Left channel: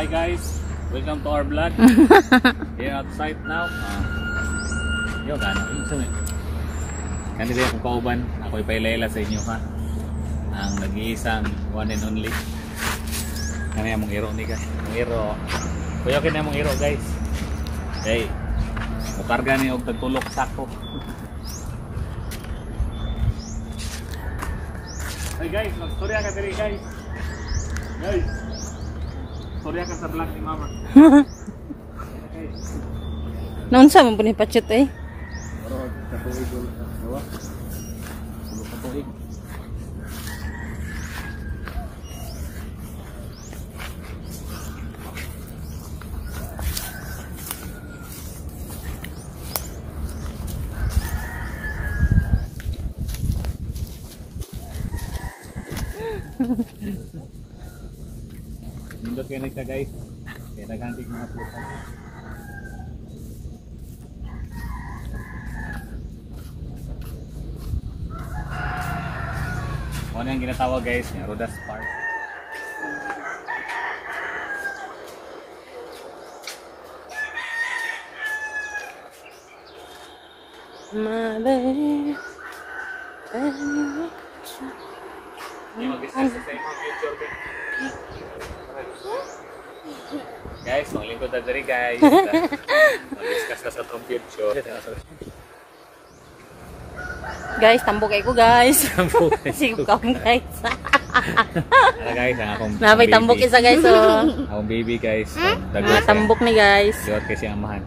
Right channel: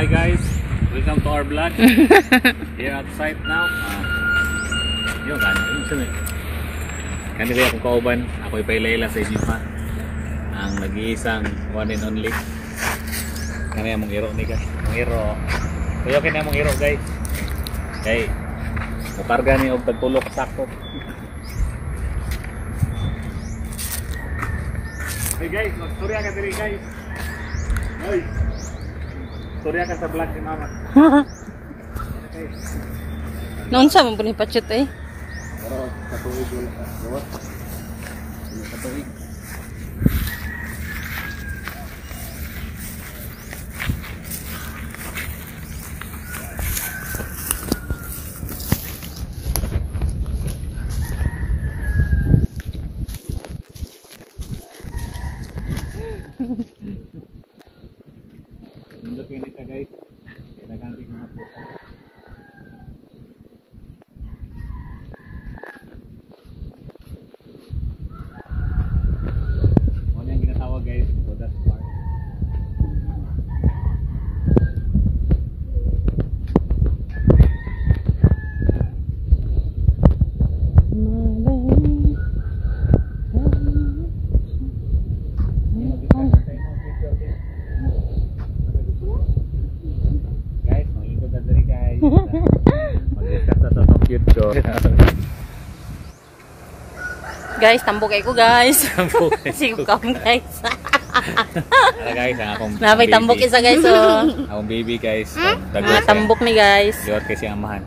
Hi guys, welcome to our vlog. Here outside now. Yo, gano'n. Kani kayo akong kauban. Ako ipailayla sa inyo ha. Ang nag-iisang one and only. Kani among hero ni guys. Among hero. Kuya kini among hero guys. Hey, mukarga ni og tagtulok sako. Hey guys, magstorya ka diri guys. Guys. Storya ka sa vlog ni mama. Hey. Naunsa man puni pachet eh. Pero katuig ulo ka. Bawa. Katuig. Nindot kayo nagka guys. Kaya nagantik mga puta. Ano yung ginatawag guys? Yung Rodas Park. Hindi mag-discuss sa imong future guys. Guys, mga lingkod na diri guys. Mag-discuss na sa itong future. Guys, tambok ay ko guys. Sige ko guys. Ala guys, ang akong Napay tambok isa guys oh. Akong baby guys. Mga tambok ni guys. Liwat kasi ang mahan.